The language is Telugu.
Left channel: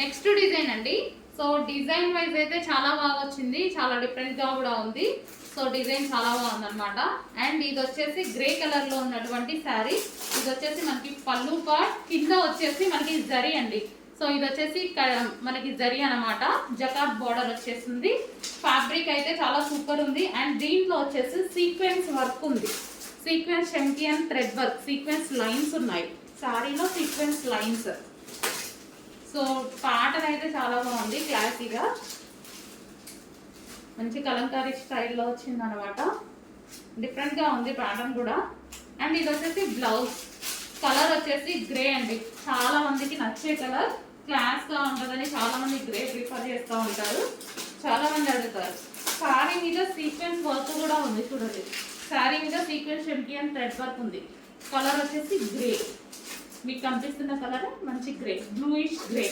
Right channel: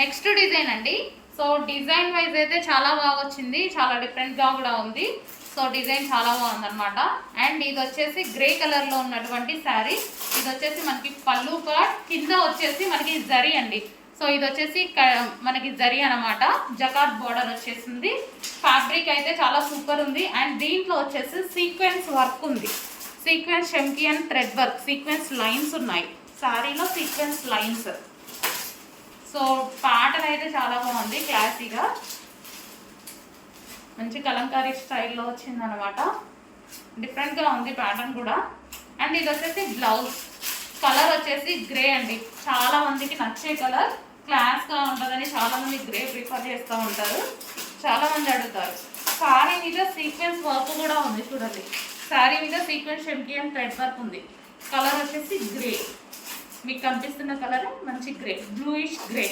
నెక్స్ట్ డిజైన్ అండి. సో డిజైన్ వైజ్ అయితే చాలా బాగా వచ్చింది, చాలా డిఫరెంట్గా కూడా ఉంది. సో డిజైన్ చాలా బాగుందన్నమాట. అండ్ ఇది వచ్చేసి గ్రే కలర్లో ఉన్నటువంటి శారీ. ఇది వచ్చేసి మనకి పళ్ళు పార్ట్, కింద వచ్చేసి మనకి జరీ అండి. సో ఇది వచ్చేసి మనకి జరీ అనమాట. జకాట్ బోర్డర్ వచ్చేసింది. ఫ్యాబ్రిక్ అయితే చాలా సూపర్ ఉంది. అండ్ దీంట్లో వచ్చేసి సీక్వెన్స్ వర్క్ ఉంది. సీక్వెన్స్ షెంకియన్ థ్రెడ్ వర్క్, సీక్వెన్స్ లైన్స్ ఉన్నాయి శారీలో, సీక్వెన్స్ లైన్స్. సో ప్యాటర్న్ అయితే చాలా బాగుంది, క్లాసీగా మంచి కలంకారీ స్టైల్లో వచ్చింది అనమాట. డిఫరెంట్గా ఉంది ప్యాటర్న్ కూడా. అండ్ ఇది వచ్చేసి బ్లౌజ్ కలర్ వచ్చేసి గ్రే అండి. చాలా మందికి నచ్చే కలర్, క్లాస్గా ఉంటుందని చాలామంది గ్రే ప్రిఫర్ చేస్తూ ఉంటారు, చాలామంది అడుగుతారు. శారీ మీద సీక్వెన్స్ వర్క్ కూడా ఉంది చూడండి. శారీ మీద సీక్వెన్స్ షెంకియన్ థ్రెడ్ వర్క్ ఉంది. కలర్ వచ్చేసి గ్రే, మీకు కనిపిస్తున్న కలర్ మంచి గ్రే, బ్లూయిష్ గ్రే.